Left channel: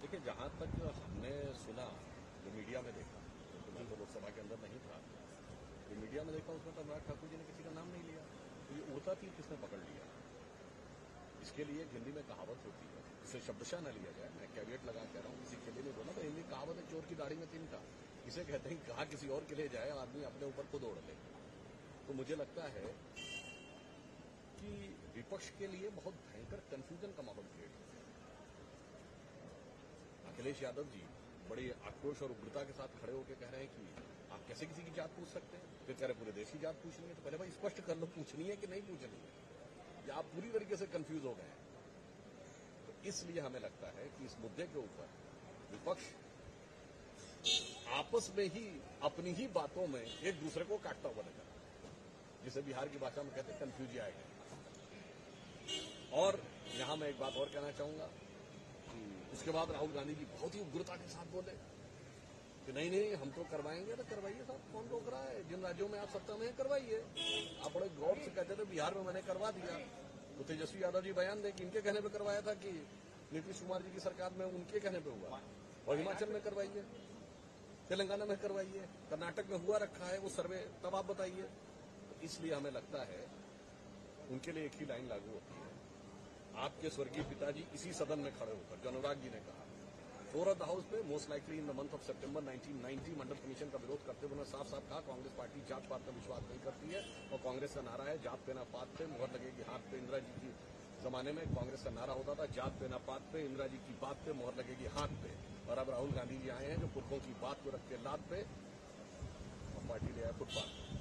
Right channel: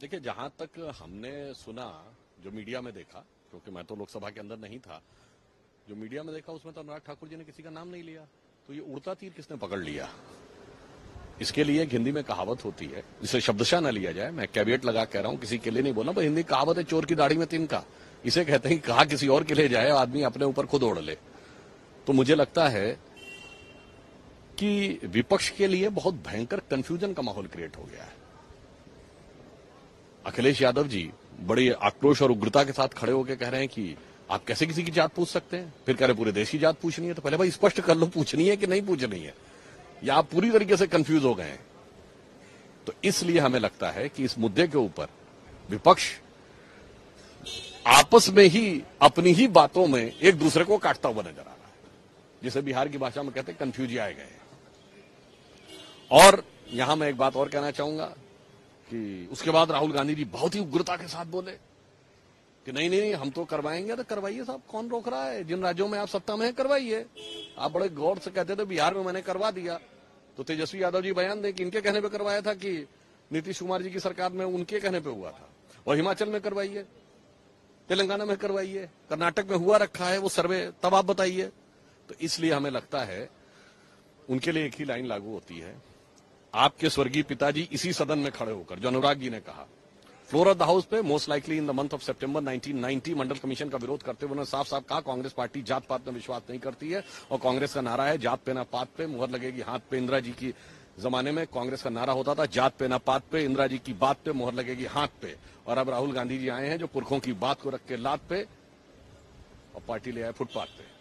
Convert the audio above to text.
देखिए, जहां तक हमने सुना, जो मीडिया में देखा, क्योंकि मैं तो लोकसभा के अंदर नहीं था, जो मीडिया में देखा उसमें तो अनुराग ठाकुर जी ने किसी का नाम नहीं लिया। तो ये उड़ता तीर किसने पकड़ लिया? इसके लिए एक हिंदी में कहावत होती है, जिसे शब्दशः न लिया जाए, मैं कैविएट लगा कह रहा हूं, किसी के लिए नहीं बोला, पर हिंदी कहावत है, चोर की दाढ़ी में तिनका। इसे कहते हैं कहा किसी और के लिए जाए, आदमी अपने ऊपर खुद ओढ़ ले। तो मुझे लगता है कि विपक्ष के लिए बहुत भयंकर कंफ्यूजन का माहौल क्रिएट हो गया है। अखिलेश यादव जी बड़ी आक्रोश और उग्रता के साथ खड़े होकर कह रहे हैं कि आप कैसे किसी की जात पूछ सकते हैं, फिर कह रहे पूरे देश की जात पूछनी है। तो पहले भाई स्पष्ट कर लो, पूछनी है कि नहीं पूछनी है, या आप पूरी तरीके से कंफ्यूज हो गए हैं। तो इसलिए हमें लगता है कि इस मुद्दे के ऊपर विपक्ष आपस में ही अपनी ही बातों में एक दूसरे को काटता हुआ नजर आ रहा है, जिसे बिहार की भाषा में कहते हैं कंफ्यूज आए गए। और यहां मैं एक बात और कहना चाहूंगा कि उसके बाद राहुल गांधी जी बहुत ही उग्रता के साथ बोले कि नहीं नहीं, हम तो करवाएंगे। तो करवाइए साहब, कौन रोक रहा है? जिन राज्यों में आप सत्ता में है करवाइए। आप बड़े गौर से कहते थे बिहार में मैंने करवा दिया, तो तेजस्वी यादव जी बयान दें कि इनके कहने पे करवाया था कि नीतीश कुमार जी की सरकार में उनके कहने पे हुआ था। और हिमाचल में करवाइए, तेलंगाना में करवाइए, कर्नाटक में हुआ रखा है वो सर्वे, तब आप बताइए। तो इसलिए हमें लगता है उनके लिए एक ही लाइन लागू होती है। आपके स्वर्गीय पिताजी इसी सदन में खड़े होकर, जो अनुराग जी ने कहा, फ्लोर ऑफ द हाउस पे most likely in the month of September 1990 Mandal commission का विरोध करते हुए उन्होंने साफ साफ कहा कांग्रेस पार्टी जात पात में विश्वास नहीं करती है। और कांग्रेस का नारा है जात पे ना पात पे, मुहर लगेगी हाथ पे। इंदिरा जी की जमाने में कांग्रेस का नारा होता था जात पे ना पात पे, इंदिरा जी की बात पे मुहर लगेगी हाथ पे। और अब राहुल गांधी जी आए हैं जो पुरखों की बात को रख के लात पे और पार्टी ले आए फुटपाथ पे।